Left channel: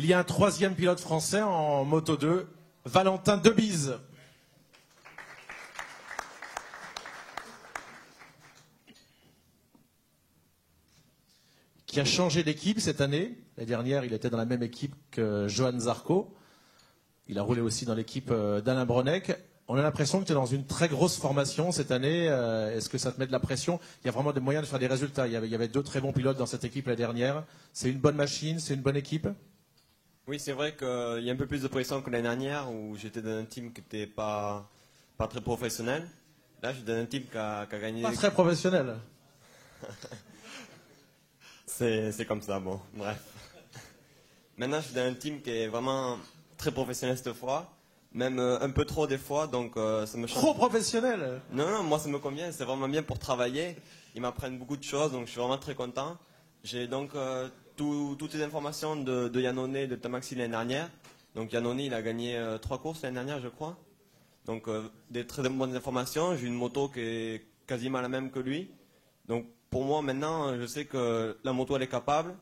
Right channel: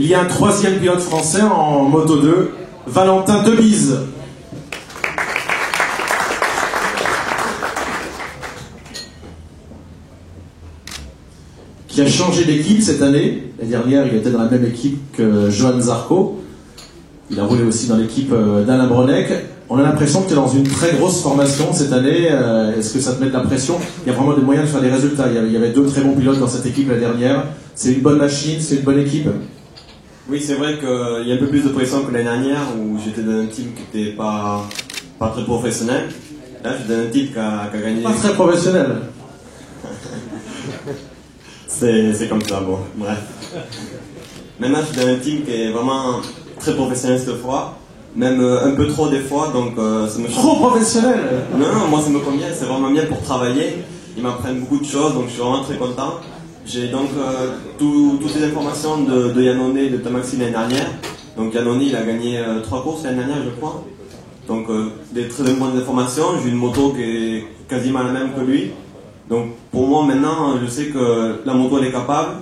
Il y a un troisième pilote français en Moto 2, Valentin Debise. Qui a changé d'équipe cette année. L'année dernière, il était dans la même équipe que Johan Zarco. Il a roulé aussi dans l'équipe d'Alain Bronec. On a l'impression que tu es dans une très grosse formation cette année. Est-ce que ça te met de la pression? Il y a vraiment des moyens de faire des résultats. Il y avait deux très bons pilotes dans cette équipe la dernière. C'est une bonne machine, c'est une bonne équipe. Oui, c'est vrai qu'il y a un peu plus de pression que l'année dernière où j'étais dans un team qui n'était pas très professionnel. Là, je suis dans un team qui a gagné. Pas très professionnel. C'est comme ça, bon, bref. Maintenant, je suis dans un team qui est vraiment très professionnel cette fois, même un peu trop des fois, donc ça me change. Trop professionnel? Non, moi ça me convient, c'est vraiment bien pour travailler. Ils m'apprennent beaucoup de choses, donc je suis vraiment très content. J'ai donc toutes les informations de Yannone et de Thomaxine l'année dernière. Donc Yannone, il a gagné 3 courses l'année dernière, je crois. Donc des très bonnes informations. J'ai une moto qui est quasiment la même que lui. Donc pour moi maintenant, je sais que la moto elle est capable.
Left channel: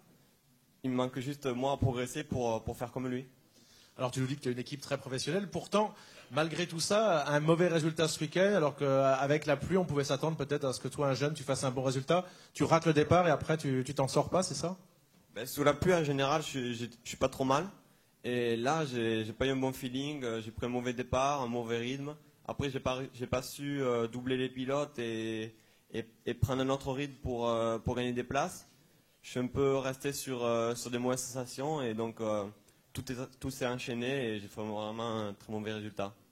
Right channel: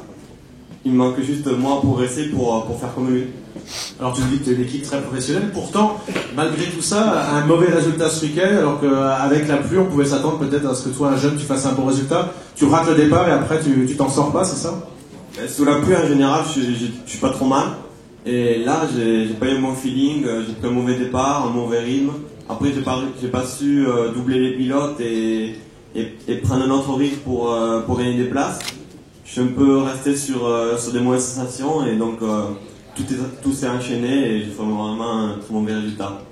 Il me manque juste moi pour progresser pour faire comme lui. Alors tu me dis que tu es une équipe très professionnelle, pourtant, malgré tout ça, un mauvais résultat ce week-end, alors qu'avec la pluie, on pouvait s'attendre peut-être à ce que toi, un jeune, tu fasses un bon résultat. Tu rates le départ et après tu t'en sors pas, c'est ça? Sous la pluie en général, je suis pas trop mal. Et là, j'ai pas eu un bon feeling, j'ai pris un mauvais départ, un mauvais rythme. Après, j'ai pas su doubler les pilotes et prendre un autre rythme pour gagner des places. Je suis un peu resté sur des mauvaises sensations et donc tout s'est enchaîné et j'ai fait vraiment un très mauvais résultat.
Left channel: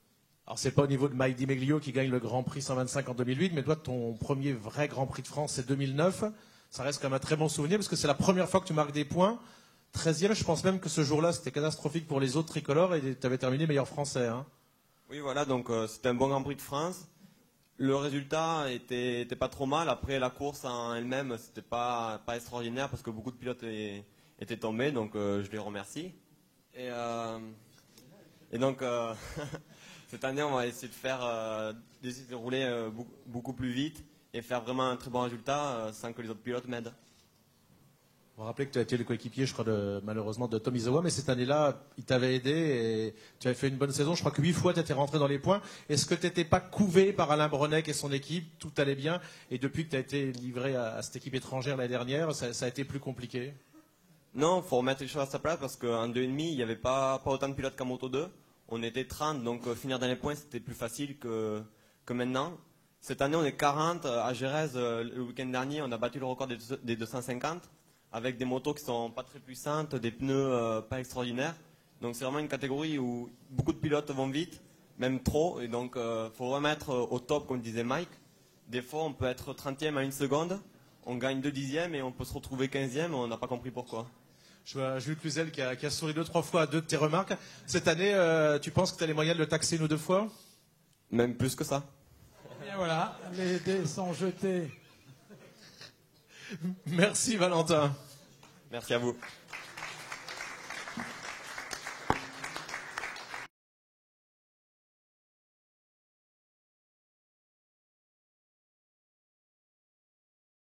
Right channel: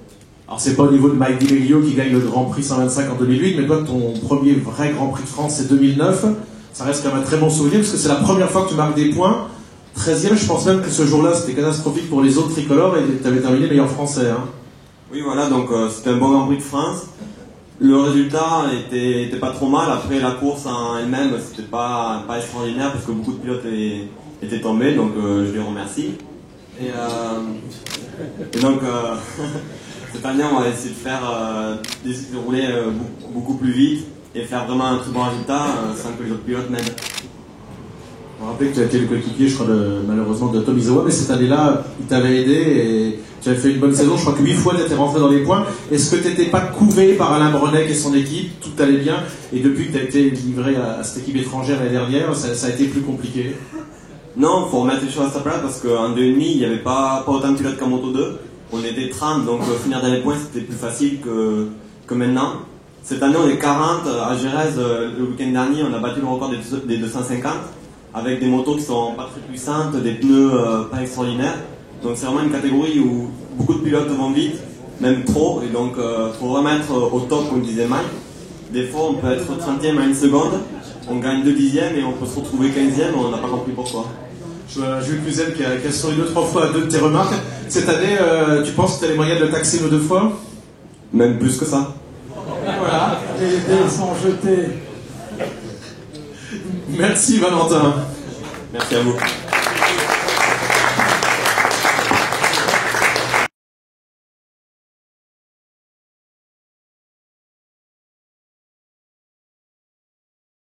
Alors c'est pas au niveau de Mike Di Meglio qui gagne le Grand Prix 125 en 2008, mais toi ton premier vrai Grand Prix de France c'est 2009. Ça reste quand même un très bon souvenir parce que c'est la première fois que tu marques des points. 13e, je pense même que ce jour-là c'était catastrophique pour les autres tricolores et tu avais terminé meilleur français. Hein. Oui voilà, donc c'était un bon Grand Prix de France. Le résultat était pas trop mal. Après la course en elle-même, c'était pas extraordinaire parce que beaucoup de pilotes étaient tombés, donc je les remercie. Et donc cette année, on va essayer de rouler beaucoup plus vite et faire vraiment un très bon résultat sans que les autres pilotes m'aident. Je me rappelle que tu as été le coéquipier, je crois, malheureusement, de Tom Izoa, mais cette année-là, il t'avait aidé et tu avais fait une bonne saison. Je crois que 8 fois, tu étais rentré dans les points. Est-ce que tu n'étais pas couvé par Alain Bronec et son équipe? Tout allait bien. Et depuis que tu as été livré à cette équipe étrangère l'année dernière, ça a été plus compliqué? Non, il faut remettre les choses à sa place parce qu'en 2,5, il n'y avait pas autant de pilotes qu'en Moto 2. On était 30, donc finir dans les points, c'était plus facile que maintenant. Cette année, on est 40. À Jerez, le week-end dernier, on a battu le record des 250. Avec des motos qui sont pas très puissantes, des pneus pas extraordinaires. Donc c'est vraiment une catégorie où beaucoup de pilotes vont vite, même trop, et donc faut vraiment être au top comme disait Mike. Des fois on peut être 30e à 1 seconde, on gagne 2 dixièmes et on peut se retrouver 15e, on n'a pas compris pourquoi. Je vois Jules Cluzel qui a souri 2-3 fois à 2 de tes remarques. Cette année, tu penses que tu as les moyens de le taxer une ou 2 fois? Même plus que ça. Voilà, les dés sont jetés. Merci Valentin. Merci à vous.